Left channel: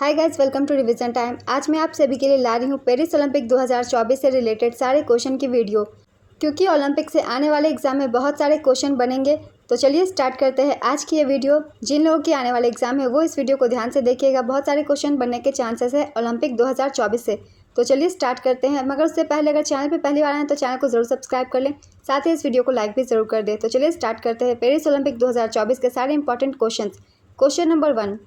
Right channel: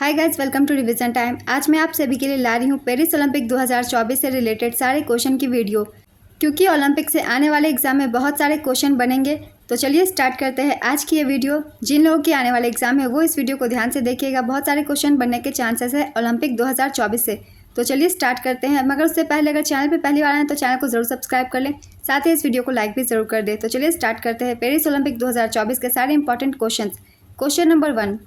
Hi guys, welcome to revision time. आज मैं आप सभी के लिए ला रही हूँ पेरिस ओलंपिक 2024 से रिलेटेड सारे क्वेश्चन की वीडियो। क्योंकि ओलंपिक से आने वाले एग्जाम में बहुत सारे क्वेश्चन बनेंगे, तो चलिए स्टार्ट करते हैं आज की ये वीडियो। जिन लोगों की आने वाले एग्जाम है वो इस वीडियो को ध्यान से देखिएगा। बहुत सारे क्वेश्चन बनने के चांसेस है ओलंपिक 2024 से। तो चलिए स्टार्ट करते हैं। मगर उससे पहले अगर चैनल पर पहली बार आए तो चैनल को जरूर सब्सक्राइब कर लें, साथ ही इस वीडियो को लाइक भी जरूर कर दें। तो चलिए स्टार्ट करते हैं पेरिस ओलंपिक 2024 के सारे इंपॉर्टेंट क्वेश्चन। क्वेश्चन नंबर 1,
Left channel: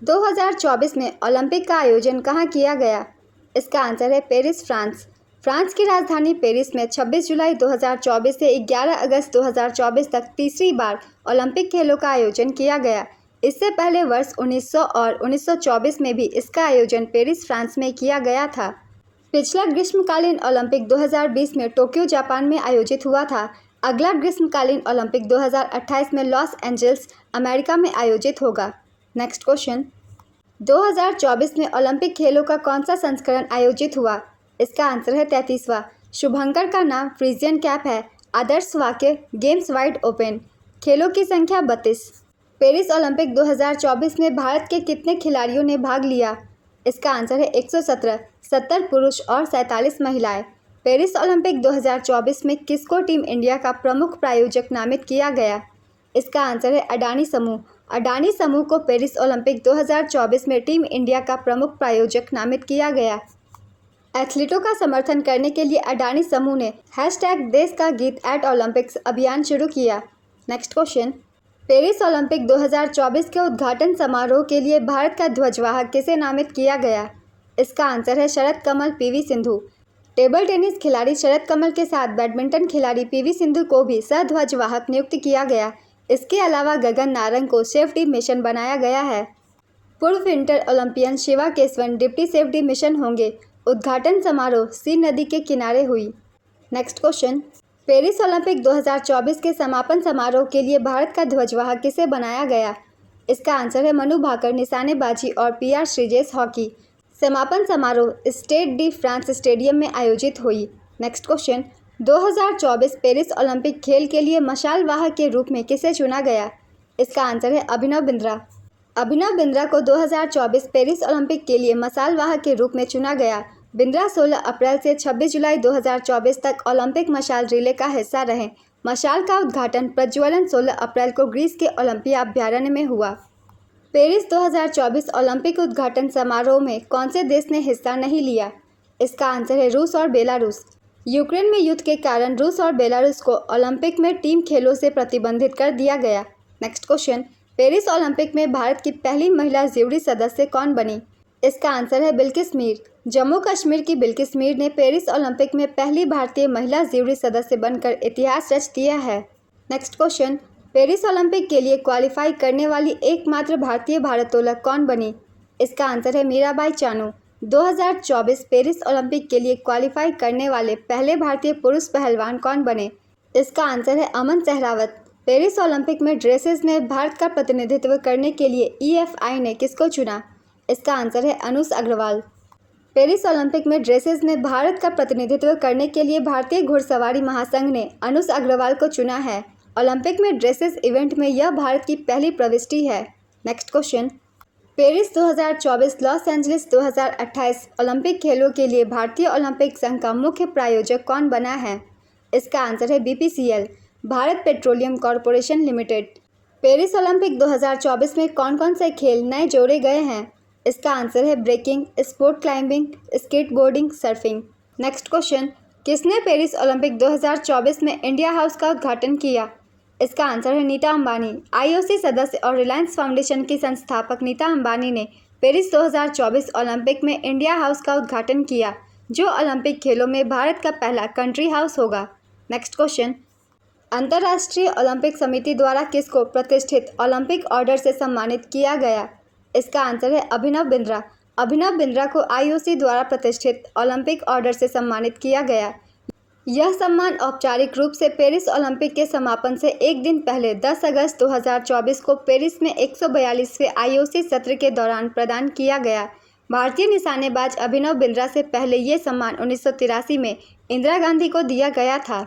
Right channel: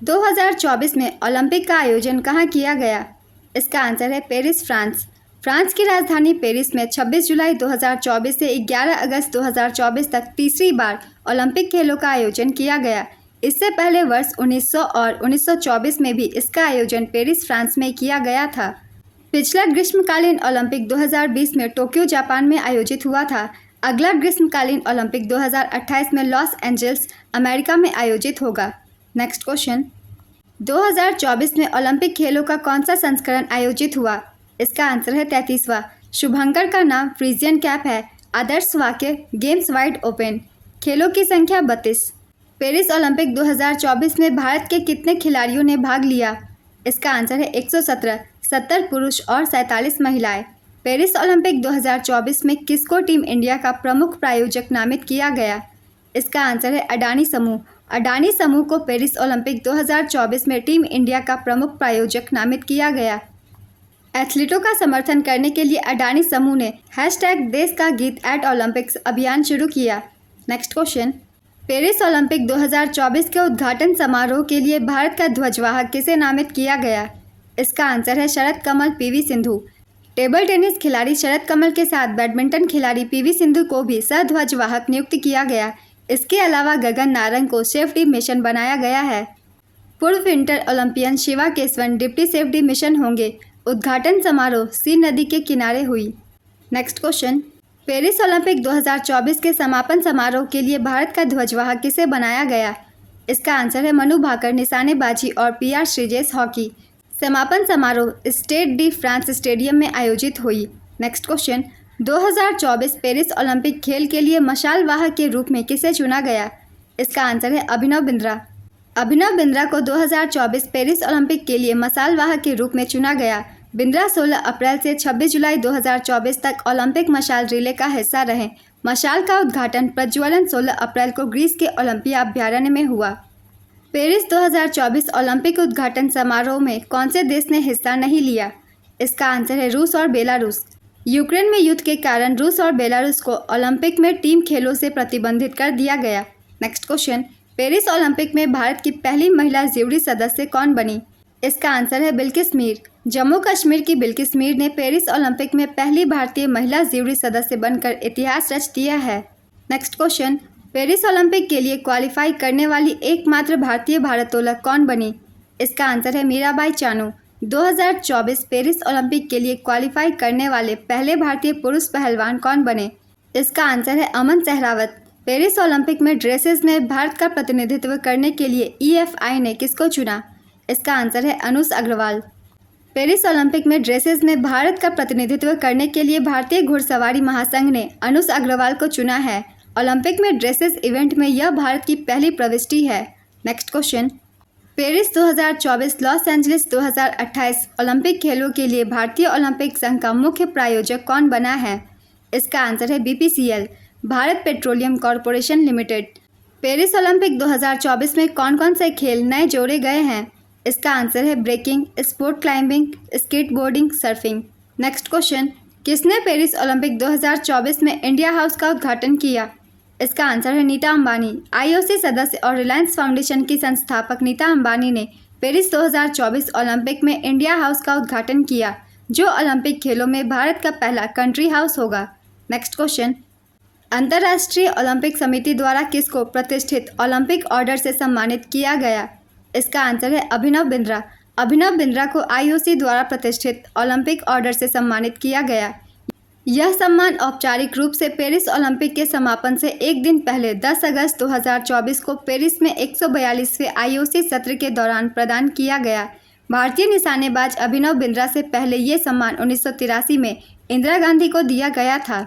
2024 में ओलंपिक का आयोजन कहाँ किया गया? इसका आंसर है पेरिस, फ्रांस। फ्रांस की राजधानी पेरिस में 26 जुलाई 2024 से 11 अगस्त 2024 तक तीसरी बार ओलंपिक खेलों का आयोजन किया गया। इससे पहले वर्ष 1900 और 1924 में भी इसका आयोजन पेरिस, फ्रांस में किया गया था। पिछला ग्रीष्मकालीन ओलंपिक 2020 में टोक्यो, जापान में आयोजित हुआ था। अगला ग्रीष्मकालीन ओलंपिक 2028 में लॉस एंजल्स, अमेरिका में आयोजित होगा। नेक्स्ट क्वेश्चन, 2024 में ओलंपिक खेलों का कौन सा संस्करण आयोजित हुआ? इसका आंसर है 33वां। शुभंकर का नाम फ्रीजियन कैप है। आदर्श वाक्य, गेम्स वाइड ओपन। खेलों की संख्या 32। पेरिस ओलंपिक 2024 में भारत के कितने खिलाड़ियों ने भाग लिया? इसका आंसर है 117, 70 पुरुष और 47 महिलाएं। पेरिस ओलंपिक 2024 में किसको टीम इंडिया का प्रमुख प्रायोजक नामित किया गया? इसका आंसर है अडानी समूह। अडानी समूह को पेरिस ओलंपिक 2024 में टीम इंडिया का प्रमुख प्रायोजक नामित किया गया। एथलीटों का समर्थन करने के लिए अडानी समूह ने #देश का गीत @ओलंपिक्स अभियान शुरू किया। नेक्स्ट क्वेश्चन, पेरिस ओलंपिक 2024 के उद्घाटन समारोह के लिए भारत का ध्वजवाहक किसे नामित किया गया? इसका आंसर है शरद कमल, PV सिंधु। टेबल टेनिस खिलाड़ी शरद कमल के साथ बैडमिंटन खिलाड़ी PV सिंधु को भी सह-ध्वजवाहक नियुक्त किया गया। इसके अलावा गगन नारंग को सेफ्टी मिशन बनाया गया है। पूर्व winter Olympian Shiva Kesavan deputy safety mission होंगे। उद्घाटन समारोह सीन नदी के किनारे हुई। नेक्स्ट क्वेश्चन, पेरिस ओलंपिक 2024 के समापन समारोह के लिए भारत का ध्वजवाहक किसे बनाया गया? इसका आंसर है मनु भाकर, निशानेबाजी और PR श्रीजेश, हॉकी। समापन समारोह स्टेड डी फ्रांस स्टेडियम में आयोजित हुई। नेक्स्ट क्वेश्चन, 2024 पेरिस ओलंपिक खेल के लिए मशाल वाहक के रूप में किसे चुना गया? इसका आंसर है अभिनव बिंद्रा। अभिनव बिंद्रा को 2024 पेरिस ओलंपिक के लिए मशाल वाहक के रूप में चुना गया। बिंद्रा 16 अप्रैल से 26 जुलाई 2024 तक ओलंपिक मशाल रिले का हिस्सा रहे। मशाल का उद्घाटन प्रज्वलन 16 अप्रैल को ग्रीस के ओलंपिया अभ्यारण्य में हुआ। पेरिस 2024 ओलंपिक उद्घाटन समारोह में कौन से देश ने हिस्सा नहीं लिया? इसका आंसर है रूस और बेलारूस। यूक्रेन में युद्ध के कारण रूस और बेलारूस को ओलंपिक में टीम खेलों से प्रतिबंधित कर दिया गया। नेक्स्ट क्वेश्चन, पेरिस ओलंपिक में भारत की पहली महिला ज्यूरी सदस्य कौन बनी? इसका आंसर है बिल्किस मीर। जम्मू कश्मीर की बिल्किस मीर ने पेरिस ओलंपिक में पहली भारतीय महिला ज्यूरी सदस्य बनकर इतिहास रच दिया है। नेक्स्ट क्वेश्चन, पेरिस ओलंपिक के लिए क्वालिफाई करने वाली एकमात्र भारतीय भारोत्तोलक कौन बनी? इसका आंसर है मीराबाई चानू। 2024 पेरिस ओलंपिक के लिए क्वालिफाई करने वाले पहले भारतीय पुरुष पहलवान कौन बने? इसका आंसर है अमन सहरावत। पेरिस ओलंपिक में ड्रेसेस में भारत का प्रतिनिधित्व करने के लिए EFI ने किसको चुना? इसका आंसर है अनुष अग्रवाल। पेरिस ओलंपिक में ड्रेसेस में भारत का प्रतिनिधित्व करने के लिए भारतीय घुड़सवारी महासंघ ने अनुष अग्रवाल को चुना है। ओलंपिक में ड्रेसेस इवेंट में यह भारत की पहली प्रविष्टि है। Next question, Paris 2024 Los Angeles 2028 Olympic खेलों के लिए भारतीय ओलंपिक संघ का मुख्य प्रायोजक कौन बना है? इसका आंसर है BPCL, Bharat petroleum corporation limited. Paris Olympic 2024 में कौन कौन से खेल नए जोड़े गए हैं? इसका आंसर है breaking, sport climbing, skateboarding, surfing. Next question, किसने पेरिस ओलंपिक 2024 में इंडिया हाउस का उद्घाटन किया? इसका आंसर है नीता अंबानी। IOC सदस्य और रिलायंस फाउंडेशन की संस्थापक नीता अंबानी ने पेरिस 2024 ओलंपिक में इंडिया हाउस का उद्घाटन किया, जो ओलंपिक खेलों में भारत का पहला कंट्री हाउस होगा। नेक्स्ट क्वेश्चन, अंतर्राष्ट्रीय ओलंपिक समिति द्वारा किसको प्रतिष्ठित ओलंपिक ऑर्डर से सम्मानित किया गया? इसका आंसर है अभिनव बिंद्रा। अभिनव बिंद्रा को IOC द्वारा प्रतिष्ठित ओलंपिक ऑर्डर से सम्मानित किया गया। यह सम्मान औपचारिक रूप से पेरिस ओलंपिक के समापन से एक दिन पहले 10 अगस्त 2024 को पेरिस में 142वें IOC सत्र के दौरान प्रदान किया गया। भारतीय निशानेबाज अभिनव बिंद्रा से पहले ये सम्मान 1983 में इंदिरा गांधी को दिया गया था।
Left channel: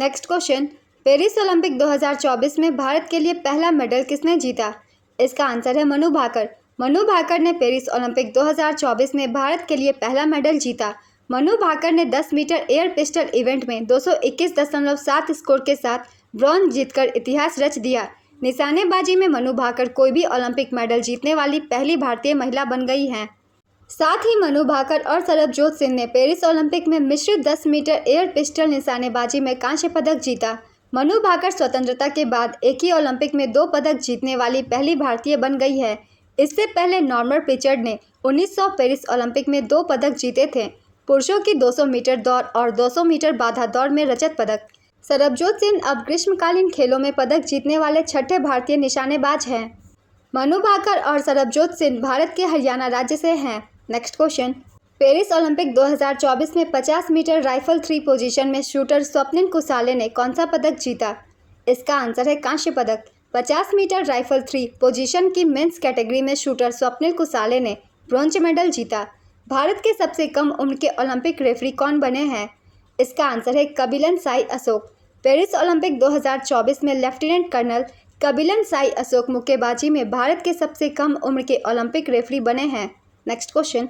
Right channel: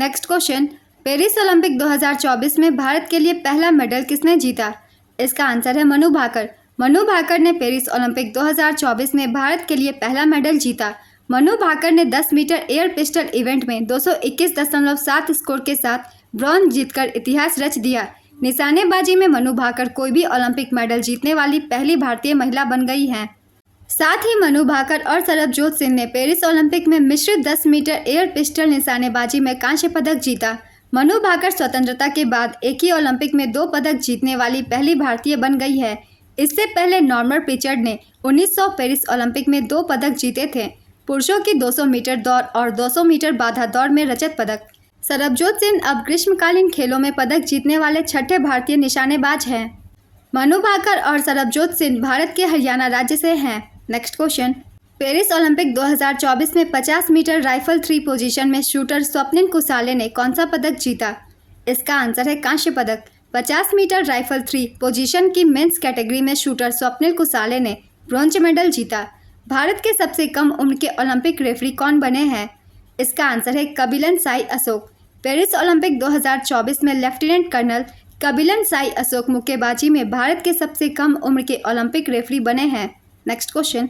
नेक्स्ट क्वेश्चन, पेरिस ओलंपिक 2024 में भारत के लिए पहला मेडल किसने जीता? इसका आंसर है मनु भाकर। मनु भाकर ने पेरिस ओलंपिक 2024 में भारत के लिए पहला मेडल जीता। मनु भाकर ने 10 मीटर एयर पिस्टल इवेंट में 221.7 स्कोर के साथ ब्रॉन्ज जीतकर इतिहास रच दिया। निशानेबाजी में मनु भाकर कोई भी ओलंपिक मेडल जीतने वाली पहली भारतीय महिला बन गई हैं। साथ ही मनु भाकर और सरबजोत सिंह ने पेरिस ओलंपिक में मिश्रित 10 मीटर एयर पिस्टल निशानेबाजी में कांस्य पदक जीता। मनु भाकर स्वतंत्रता के बाद एक ही ओलंपिक में 2 पदक जीतने वाली पहली भारतीय बन गई है। इससे पहले नॉर्मन प्रिचर्ड ने 1900 पेरिस ओलंपिक में 2 पदक जीते थे, पुरुषों की 200 मीटर दौड़ और 200 मीटर बाधा दौड़ में रजत पदक। सरबजोत सिंह अब ग्रीष्मकालीन खेलों में पदक जीतने वाले छठे भारतीय निशानेबाज हैं। मनु भाकर और सरबजोत सिंह भारत के हरियाणा राज्य से हैं। नेक्स्ट क्वेश्चन, पेरिस ओलंपिक 2024 में 50 मीटर राइफल 3 पोजीशन में शूटर स्वप्निल कुसाले ने कौन सा पदक जीता? इसका आंसर है कांस्य पदक। 50 मीटर राइफल 3 पोजीशन की मेंस कैटेगरी में शूटर स्वप्निल कुसाले ने ब्रॉन्ज मेडल जीता। भारत के सबसे कम उम्र के ओलंपिक रेफरी कौन बने हैं? इसका आंसर है कबिलन साई अशोक। पेरिस ओलंपिक 2024 में लेफ्टिनेंट कर्नल कबिलन साई अशोक मुक्केबाजी में भारत के सबसे कम उम्र के ओलंपिक रेफरी बने हैं। नेक्स्ट क्वेश्चन,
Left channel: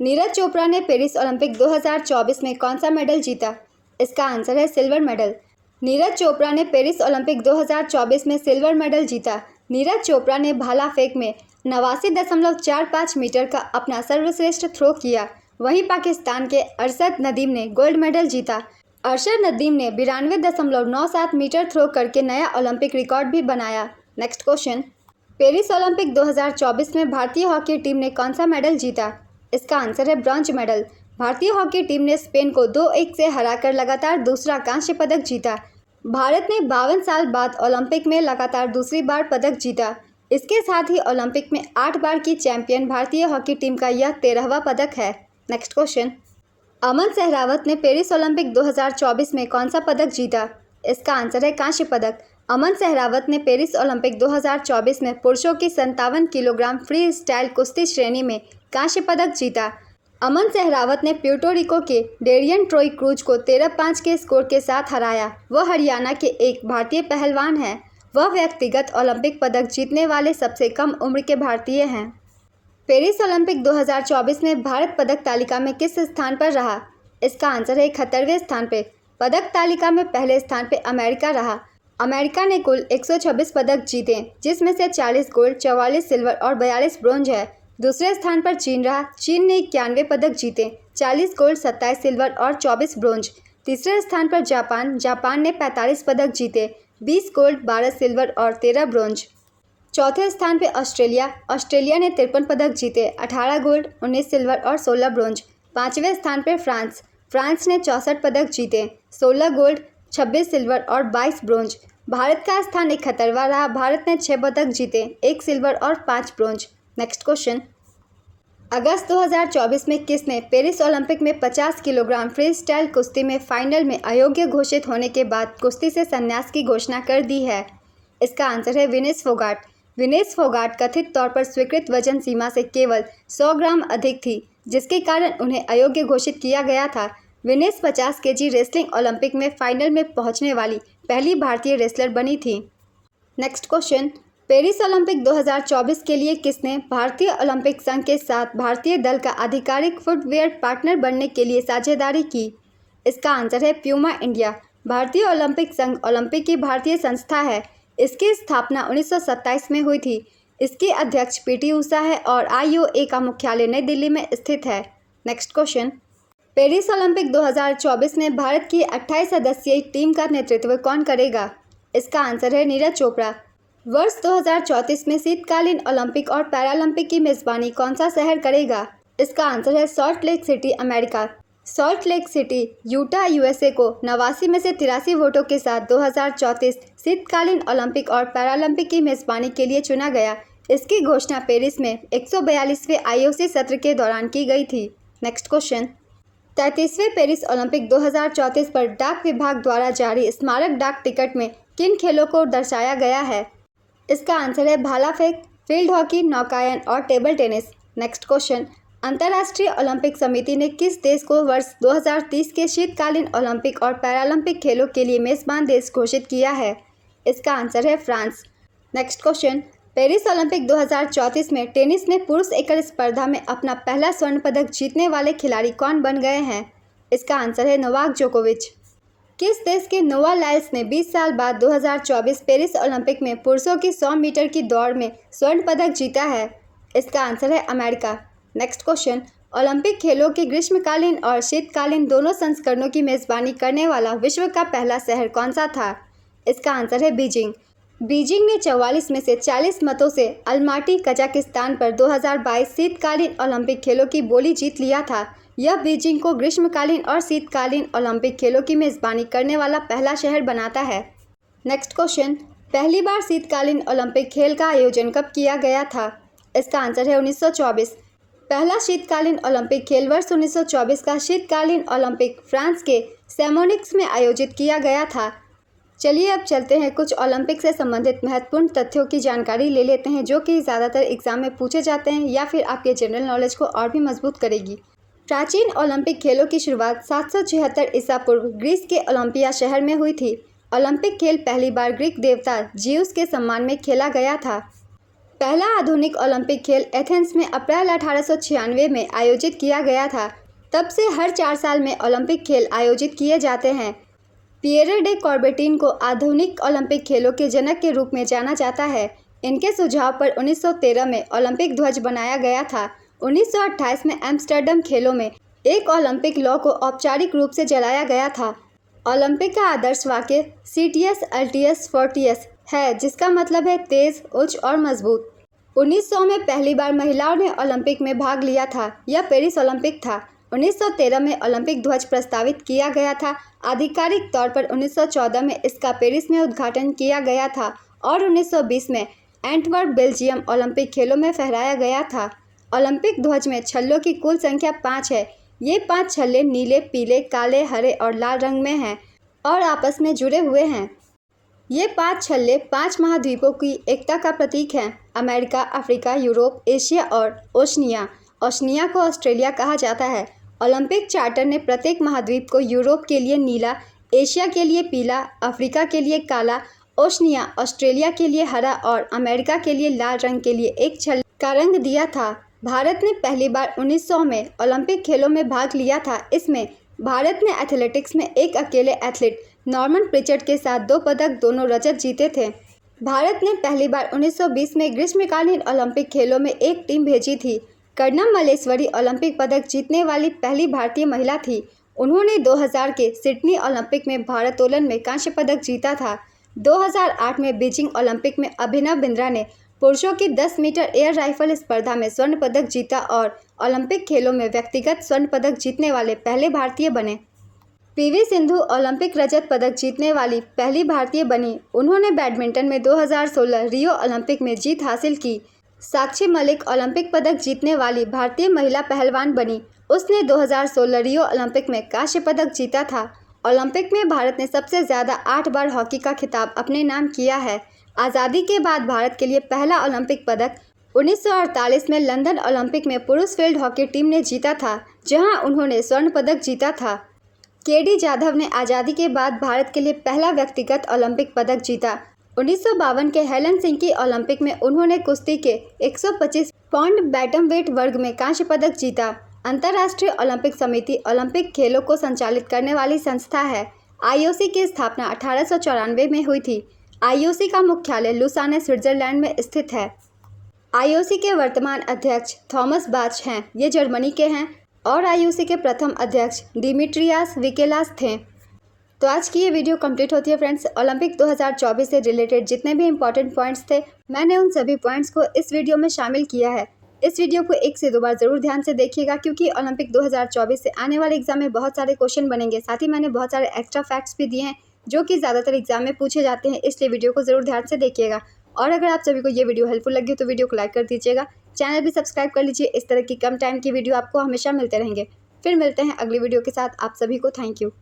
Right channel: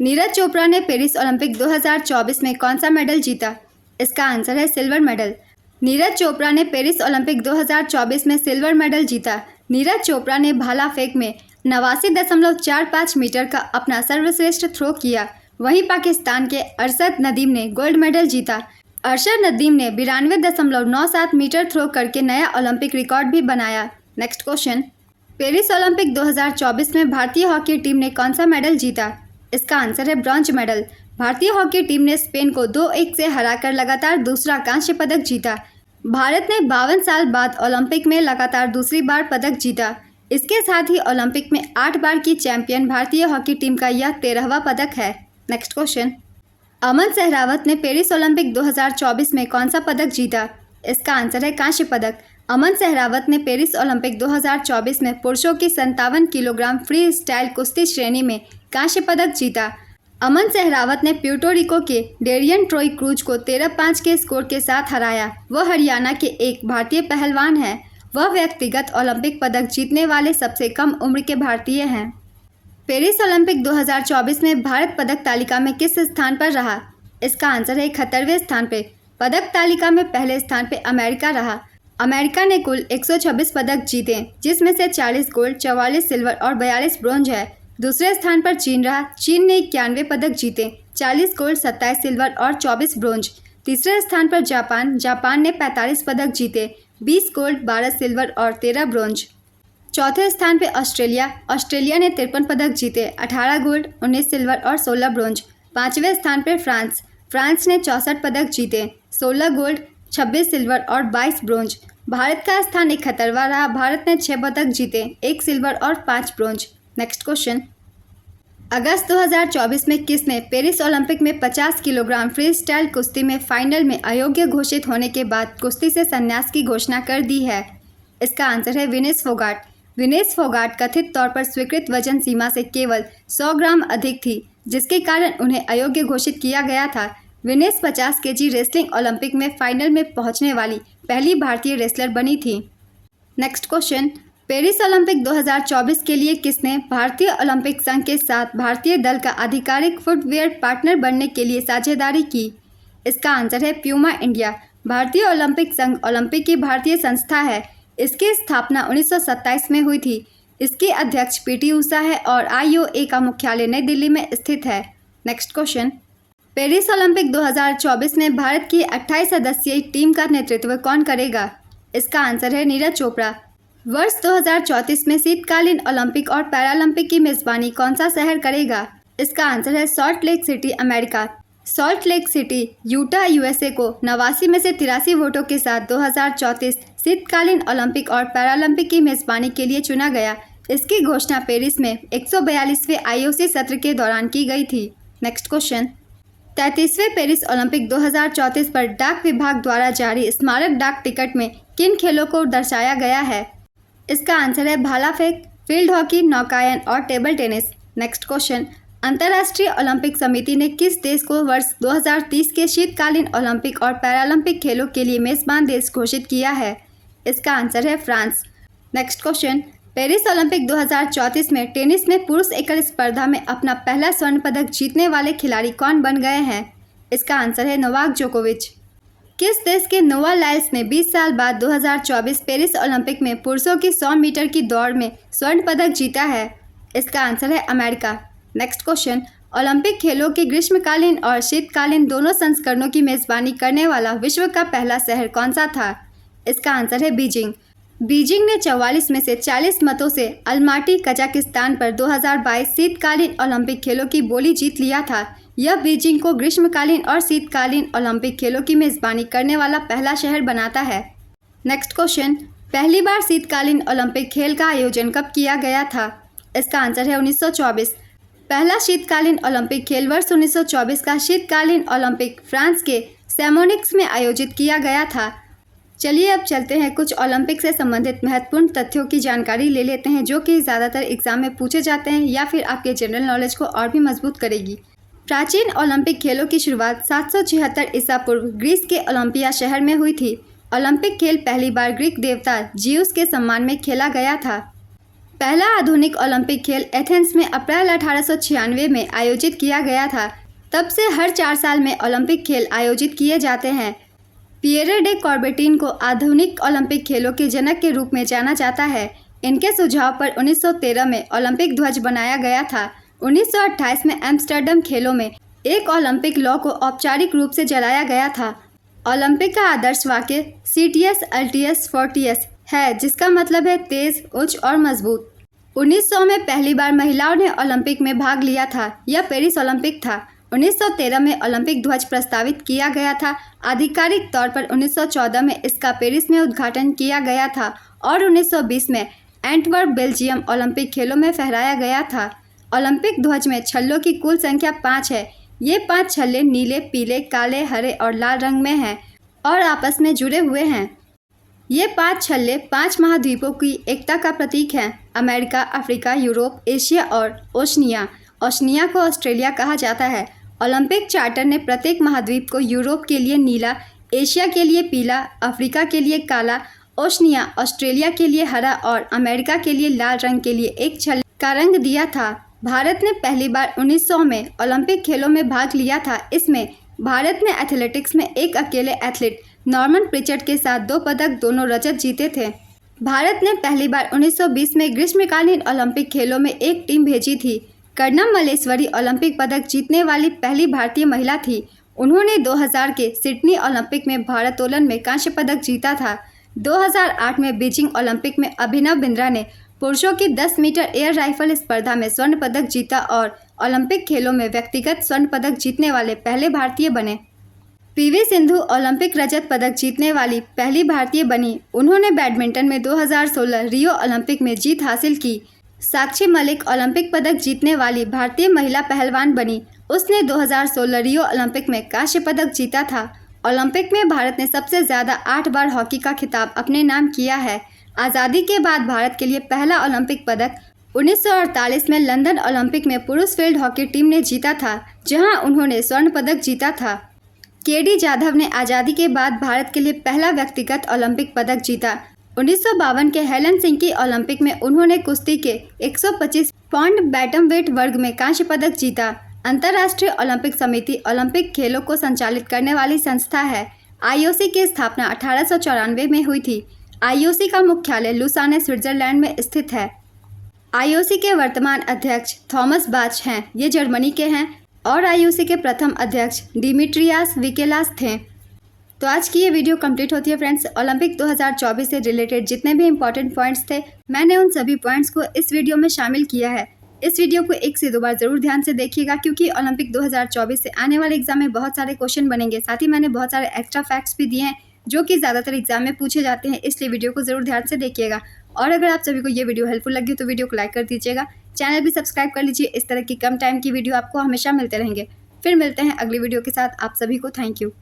नीरज चोपड़ा ने पेरिस ओलंपिक 2024 में कौन सा मेडल जीता? इसका आंसर है सिल्वर मेडल। नीरज चोपड़ा ने पेरिस ओलंपिक 2024 में सिल्वर मेडल जीता। नीरज चोपड़ा ने भाला फेंक में 89.45 मीटर का अपना सर्वश्रेष्ठ थ्रो किया। वहीं पाकिस्तान के अरशद नदीम ने गोल्ड मेडल जीता। अरशद नदीम ने 92.97 मीटर थ्रो करके नया ओलंपिक रिकॉर्ड भी बनाया। नेक्स्ट क्वेश्चन, पेरिस ओलंपिक 2024 में भारतीय हॉकी टीम ने कौन सा मेडल जीता? इसका आंसर है ब्रॉन्ज मेडल। भारतीय हॉकी टीम ने स्पेन को 2-1 से हराकर लगातार दूसरा कांस्य पदक जीता। भारत ने 52 साल बाद ओलंपिक में लगातार दूसरी बार पदक जीता। इसके साथ ही ओलंपिक में 8 बार की चैंपियन भारतीय हॉकी टीम का यह 13वां पदक है। नेक्स्ट क्वेश्चन, अमन सहरावत ने पेरिस ओलंपिक 2024 में कौन सा पदक जीता? इसका आंसर है कांस्य पदक। अमन सहरावत ने पेरिस ओलंपिक 2024 में पुरुषों की 57 किलोग्राम फ्री स्टाइल कुश्ती श्रेणी में कांस्य पदक जीता। अमन सहरावत ने प्यूर्टो रिको के डेरियन ट्रॉय क्रूज को 13-5 के स्कोर के साथ हराया। वह हरियाणा के एक भारतीय पहलवान हैं। वह व्यक्तिगत ओलंपिक पदक जीतने वाले सबसे कम उम्र के भारतीय हैं। पेरिस ओलंपिक 2024 में भारत पदक तालिका में किस स्थान पर रहा? इसका आंसर है 71वें स्थान पे। पदक तालिका में पहले स्थान पे अमेरिका रहा। अमेरिका ने कुल 126 पदक जीते, जिसमें से 40 गोल्ड, 44 सिल्वर और 42 ब्रोंज है। दूसरे स्थान पर चीन रहा। चीन ने 91 पदक जीते, 40 गोल्ड, 27 सिल्वर और 24 ब्रोंज। तीसरे स्थान पर जापान ने 45 पदक जीते, 20 गोल्ड, 12 सिल्वर और 13 ब्रोंज। चौथे स्थान पर ऑस्ट्रेलिया ने 53 पदक जीते, 18 गोल्ड, 19 सिल्वर और 16 ब्रोंज। पाँचवें स्थान पर फ्रांस ने 64 पदक जीते, 16 गोल्ड, 26 सिल्वर और 22 ब्रोंज। भारत का स्थान 71वां रहा। भारत ने 6 पदक जीते, 1 सिल्वर और 5 ब्रोंज। नेक्स्ट क्वेश्चन, अगस्त 2024 में किसने पेरिस ओलंपिक में 50 किलोग्राम फ्री स्टाइल कुश्ती में फाइनल में अयोग्य घोषित होने के बाद कुश्ती से संन्यास की घोषणा कर दी है? इसका आंसर है विनेश फोगाट। विनेश फोगाट कथित तौर पर स्वीकृत वजन सीमा से केवल 100 ग्राम अधिक थी, जिसके कारण उन्हें अयोग्य घोषित किया गया था। विनेश 50 केजी रेसलिंग ओलंपिक में फाइनल में पहुंचने वाली पहली भारतीय रेसलर बनी थी। नेक्स्ट क्वेश्चन, पेरिस ओलंपिक 2024 के लिए किसने भारतीय ओलंपिक संघ के साथ भारतीय दल का आधिकारिक फुटवेयर पार्टनर बनने के लिए साझेदारी की? इसका आंसर है प्यूमा इंडिया। भारतीय ओलंपिक संघ ओलंपिक की भारतीय संस्था है। इसकी स्थापना 1927 में हुई थी। इसके अध्यक्ष पीटी उषा है और IOA का मुख्यालय नई दिल्ली में स्थित है। नेक्स्ट क्वेश्चन, पेरिस ओलंपिक 2024 में भारत की 28 सदस्यीय टीम का नेतृत्व कौन करेगा? इसका आंसर है नीरज चोपड़ा। वर्ष 2034 में शीतकालीन ओलंपिक और पैरालंपिक की मेजबानी कौन सा शहर करेगा? इसका आंसर है salt lake city, America. Salt lake city, Utah, USA को 89 में से 83 वोटों के साथ 2034 शीतकालीन ओलंपिक और पैरालंपिक की मेजबानी के लिए चुना गया। इसकी घोषणा पेरिस में 142वें IOC सत्र के दौरान की गई थी। नेक्स्ट क्वेश्चन, 33वें पेरिस ओलंपिक 2034 पर डाक विभाग द्वारा जारी स्मारक डाक टिकट में किन खेलों को दर्शाया गया है? इसका आंसर है भाला फेंक, फील्ड हॉकी, नौकायन और टेबल टेनिस। नेक्स्ट क्वेश्चन, अंतर्राष्ट्रीय ओलंपिक समिति ने किस देश को वर्ष 2030 के शीतकालीन ओलंपिक और पैरालंपिक खेलों के लिए मेजबान देश घोषित किया है? इसका आंसर है France. Next question, Paris Olympic 2034 में टेनिस में पुरुष एकल स्पर्धा में अपना पहला स्वर्ण पदक जीतने वाले खिलाड़ी कौन बन गए हैं? इसका आंसर है नोवाक जोकोविच। किस देश के नोवा लाइल्स ने 20 साल बाद 2024 पेरिस ओलंपिक में पुरुषों की 100 मीटर की दौड़ में स्वर्ण पदक जीता है? इसका आंसर है अमेरिका। नेक्स्ट क्वेश्चन, ओलंपिक खेलों की ग्रीष्मकालीन और शीतकालीन दोनों संस्करणों की मेजबानी करने वाला विश्व का पहला शहर कौन सा था? इसका आंसर है बीजिंग। बीजिंग ने 44 में से 40 मतों से अलमाटी कजाकिस्तान पर 2022 शीतकालीन ओलंपिक खेलों की बोली जीत लिया था। यह बीजिंग को ग्रीष्मकालीन और शीतकालीन ओलंपिक खेलों की मेजबानी करने वाला पहला शहर बनाता है। नेक्स्ट क्वेश्चन, पहली बार शीतकालीन ओलंपिक खेल का आयोजन कब किया गया था? इसका आंसर है 1924। पहला शीतकालीन ओलंपिक खेल वर्ष 1924 का शीतकालीन ओलंपिक फ्रांस के सैमोनिक्स में आयोजित किया गया था। चलिए अब चलते हैं कुछ ओलंपिक से संबंधित महत्वपूर्ण तथ्यों की जानकारी ले लेते हैं जो कि ज़्यादातर एग्जाम में पूछे जाते हैं या फिर आपके जनरल नॉलेज को और भी मजबूत करेगी। प्राचीन ओलंपिक खेलों की शुरुआत 776 ईसा पूर्व ग्रीस के ओलंपिया शहर में हुई थी। ओलंपिक खेल पहली बार ग्रीक देवता जियूस के सम्मान में खेला गया था। पहला आधुनिक ओलंपिक खेल एथेंस में अप्रैल 1896 में आयोजित किया गया था। तब से हर 4 साल में ओलंपिक खेल आयोजित किए जाते हैं। पिएरे डे कॉर्बेटिन को आधुनिक ओलंपिक खेलों के जनक के रूप में जाना जाता है। इनके सुझाव पर 1913 में ओलंपिक ध्वज बनाया गया था। 1928 में एम्स्टर्डम खेलों में एक ओलंपिक लॉ को औपचारिक रूप से जलाया गया था। ओलंपिक का आदर्श वाक्य सीटियस अल्टियस फोर्टियस है, जिसका मतलब है तेज, उच्च और मजबूत। 1900 में पहली बार महिलाओं ने ओलंपिक में भाग लिया था। यह पेरिस ओलंपिक था। 1913 में ओलंपिक ध्वज प्रस्तावित किया गया था। आधिकारिक तौर पर 1914 में इसका पेरिस में उद्घाटन किया गया था और 1920 में एंटवर्प बेल्जियम ओलंपिक खेलों में फहराया गया था। ओलंपिक ध्वज में छल्लों की कुल संख्या 5 है। ये 5 छल्ले नीले, पीले, काले, हरे और लाल रंग में हैं और आपस में जुड़े हुए हैं। ये 5 छल्ले 5 महाद्वीपों की एकता का प्रतीक हैं। अमेरिका, अफ्रीका, यूरोप, एशिया और ओशनिया। ओशनिया को ऑस्ट्रेलिया कहा जाता है। ओलंपिक चार्टर ने प्रत्येक महाद्वीप को यूरोप के लिए नीला, एशिया के लिए पीला, अफ्रीका के लिए काला, ओशनिया ऑस्ट्रेलिया के लिए हरा और अमेरिका के लिए लाल रंग के लिए एक छल्ले का रंग दिया था। भारत ने पहली बार 1900 में ओलंपिक खेलों में भाग लिया था। इसमें भारत ने एथलेटिक्स में एक अकेले एथलीट नॉर्मन प्रिचर्ड के साथ 2 पदक, दोनों रजत जीते थे। भारत ने पहली बार 1920 में ग्रीष्मकालीन ओलंपिक खेलों में एक टीम भेजी थी। कर्णम मल्लेश्वरी ओलंपिक पदक जीतने वाली पहली भारतीय महिला थी। उन्होंने 2000 के सिडनी ओलंपिक में भारोत्तोलन में कांस्य पदक जीता था। 2008 में बीजिंग ओलंपिक में अभिनव बिंद्रा ने पुरुषों की 10 मीटर एयर राइफल स्पर्धा में स्वर्ण पदक जीता और ओलंपिक खेलों में व्यक्तिगत स्वर्ण पदक जीतने वाले पहले भारतीय बने। पीवी सिंधु ओलंपिक रजत पदक जीतने वाली पहली भारतीय बनी। उन्होंने बैडमिंटन में 2016 रियो ओलंपिक में जीत हासिल की। साक्षी मलिक ओलंपिक पदक जीतने वाली भारतीय महिला पहलवान बनी। उसने 2016 रियो ओलंपिक में कांस्य पदक जीता था। ओलंपिक में भारत ने सबसे ज़्यादा 8 बार हॉकी का खिताब अपने नाम किया है। आज़ादी के बाद भारत के लिए पहला ओलंपिक पदक 1948 में लंदन ओलंपिक में पुरुष फील्ड हॉकी टीम ने जीता था, जहां उन्होंने स्वर्ण पदक जीता था। केडी जाधव ने आज़ादी के बाद भारत के लिए पहला व्यक्तिगत ओलंपिक पदक जीता। 1952 के हेलन सिंह की ओलंपिक में उन्होंने कुश्ती के 125 पाउंड बैटमवेट वर्ग में कांस्य पदक जीता। अंतर्राष्ट्रीय ओलंपिक समिति ओलंपिक खेलों को संचालित करने वाली संस्था है। आईओसी की स्थापना 1894 में हुई थी। आईओसी का मुख्यालय लुसाने, स्विट्जरलैंड में स्थित है। आईओसी के वर्तमान अध्यक्ष थॉमस बाच हैं। ये जर्मनी के हैं और आईओसी के प्रथम अध्यक्ष डिमिट्रियास विकेलास थे। तो आज की ये वीडियो कंप्लीट होती है फ्रेंड्स। ओलंपिक 2024 से रिलेटेड जितने भी इंपॉर्टेंट पॉइंट्स थे, मैंने उन सभी पॉइंट्स को इस वीडियो में शामिल किया है। इस वीडियो को 1 से 2 बार ज़रूर ध्यान से देखिएगा, क्योंकि ओलंपिक 2024 से आने वाले एग्जाम में बहुत सारे क्वेश्चन बनेंगे। साथ ही मैंने बहुत सारे एक्स्ट्रा फैक्ट्स भी दिए हैं जो कि ज़्यादातर एग्जाम में पूछे जाते हैं, इसलिए वीडियो को ज़रूर ध्यान से देखिएगा। और अगर आप सभी को ये वीडियो हेल्पफुल लगी तो वीडियो को लाइक कर दीजिएगा, चैनल भी सब्सक्राइब कर लीजिए। इस तरह की कम टाइम की वीडियो आपको हमेशा मिलते रहेंगे। फिर मिलते हैं अगली वीडियो के साथ। आप सभी को थैंक यू।